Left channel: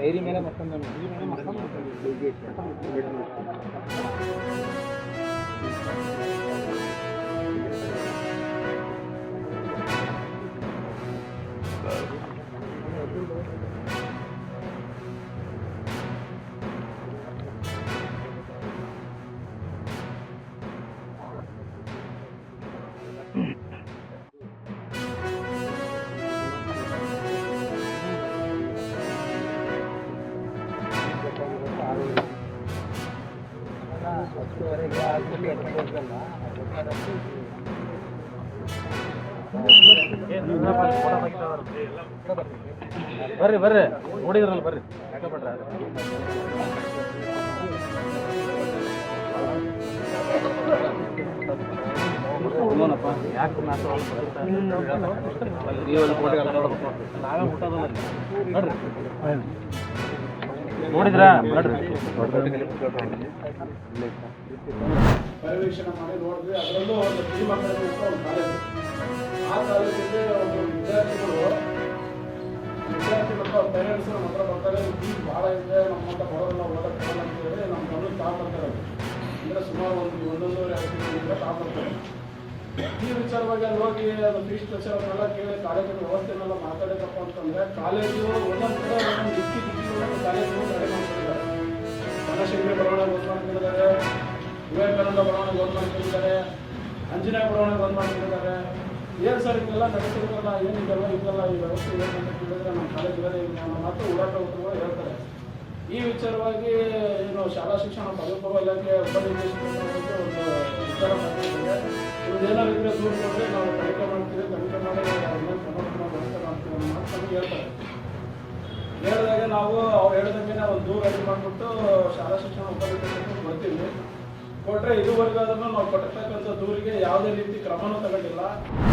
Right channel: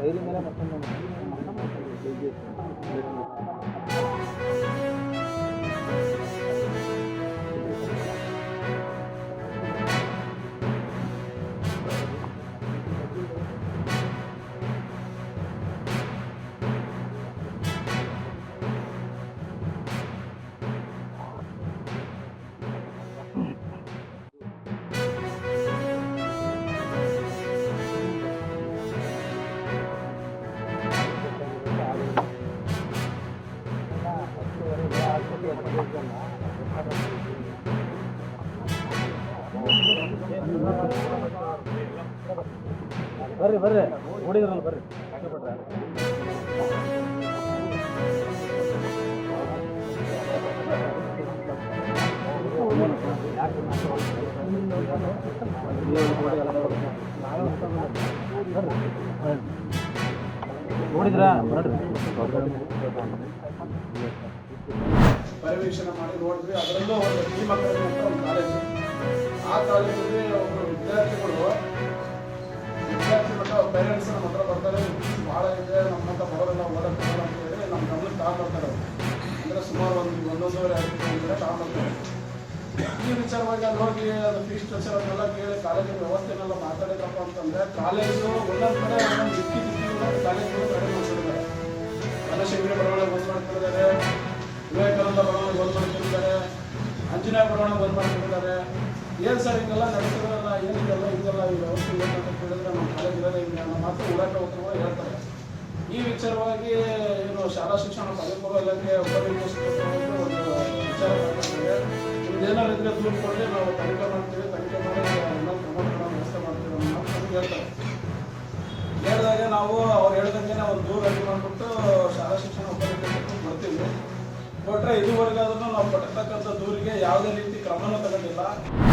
Dairy ಮೇಲೆ ಮತ್ತೊಂದು ಬರ್ರಿ ಬರ್ರಿ ನೋಡಿದ್ರಲ್ಲ ಬರ್ರಿ ನೋಡಿದ್ರ ಪರಿವೀಕ್ಷಣೆ ಮಾಡಿ ನೋಡಿದ್ವಿ. ಅದರಲ್ಲೂ ಒಂದು ಟೀಮ್ ಅಕಾಡೆಮಿ ಅಂತ ಒಂದು ಕಾಲೇಜ್. ಆ ಕಾಲೇಜಲ್ಲಿ ಒಬ್ಬರು ವಿದ್ಯಾರ್ಥಿ ಮತ್ತು ಅವ್ರ ಪೇರೆಂಟ್ಸ್ ನಮ್ಮ ಹತ್ರ ಬರ್ತಾರೆ. ಫೀಸ್ ಭಾಳ ಇದೆ, ನಮ್ಮ ಹತ್ರ ಬರೋರೆಲ್ಲ ಓದೋಕ್ಕಾಗಲ್ಲ ಅಂತ ಹೇಳಿ ನಮ್ಮ ಗಮನಕ್ಕೆ ತಗೊಂಡ್ಬರ್ತಾರೆ. ಅಂದರೆ ಸುಮಾರು ಒಂದೊಂದೂವರೆ ತಿಂಗಳಿಂದ ತಗೊಂಡ್ಬರ್ತಾರೆ. ಈ ವಿಚಾರವಾಗಿ ಅಲ್ಲಿ ಹೋಗಿ ಅದು ಫೀಸ್ ಸ್ಟ್ರಕ್ಚರ್ ಅದನ್ನೆಲ್ಲ ಕೇಳಿ ಕಾಲೇಜಿನ ವ್ಯವಸ್ಥೆನೆಲ್ಲ ಮಾತಾಡಿದಪ್ಪ ಅಂತಂದರೆ ಕಾಲೇಜು ಒಂದೊಂದು ಕಡೆ ಒಂದೊಂದು ದಿಕ್ಕಿಗಳು ಕಾಲೇಜುಗಳು ರೆಡಿ ಮಾಡ್ಕೊಂಡಿದ್ದಾರೆ. ಬನಶಂಕರಿ ಬರವಣಿಗೆ ಒಂದು ಮಾಡ್ಕೊಂಡಿದ್ದಾರೆ, ವಿವೇಕಾನಂದ ಬರವಣಿಗೆ ಒಂದು ಮಾಡ್ಕೊಂಡಿದ್ದಾರೆ, ಆಂಜನೇಯ ಬರವಣಿಗೆ ಒಂದು ಮಾಡ್ಕೊಂಡಿದ್ದಾರೆ. ಏನು ಸರ್ ಹಿಂಗೆಲ್ಲ ನಡೆಸಿದ್ರಲ್ಲ, ಏನಿದೆಲ್ಲ ಹಿಂಗೆಲ್ಲ ಈ ವ್ಯವಸ್ಥೆ ಏನಂತ ಕೇಳಿದ್ರೆ ನಮ್ಮ ಕಾಲೇಜ್ ಇರೋದೇ ಹಿಂಗೆ ಅನ್ನೋ ಮಾತು ಉಡಾಟ ಉತ್ತರಗಳು ಹೇಳ್ತಾರೆ. ಈ ವಿಚಾರವಾಗಿ ಏನು ಶಾಲಾ ಶಿಕ್ಷಣ ಪದವಿಪೂರ್ವ ಇಲಾಖೆ ಉಪನಿರ್ದೇಶಕರಾಗಿ ಒಂದು ವಿಚಾರ ಮಾಡ್ತಿದ್ದಾರೆ. ನಿಮ್ದೇನಾದ್ರು ಇದ್ರೆ ದೂರು ಕೊಟ್ಟರೆ ನಾವು ತನಿಖೆ ಮಾಡ್ತೀವಿ, ತನಿಖೆ ಮಾಡಿ ಅದನ್ನ ಕ್ರಮ ವ್ಯವಸ್ಥೆ ಮಾಡ್ತೀವಿ ಅನ್ನೋ ಮಾತು ನಮಗೆ ಹೇಳ್ತಾರೆ. ಹೇಳಿದಾಗೆ ನಾವು ಅವ್ರು ಹೇಳ್ದಂಗೆ ಒಂದು ದೂರು ರೆಡಿ ಮಾಡಿಬಿಟ್ಟು ಶಾಲಾ ಶಿಕ್ಷಣ ಉಪನಿರ್ದೇಶಕರು ಬರ್ತೀವಿ. ಕೊಟ್ಟರೆ ಇದುವರೆಗಾದ್ರೂ ನಾವು ಕೊಟ್ಟಿರ್ತಕ್ಕಂಥ ದೂರಿಗೆ ಯಾವುದೇ ರೀತಿ ಕ್ರಮನೂ ತಗೊಂಡಿಲ್ಲ.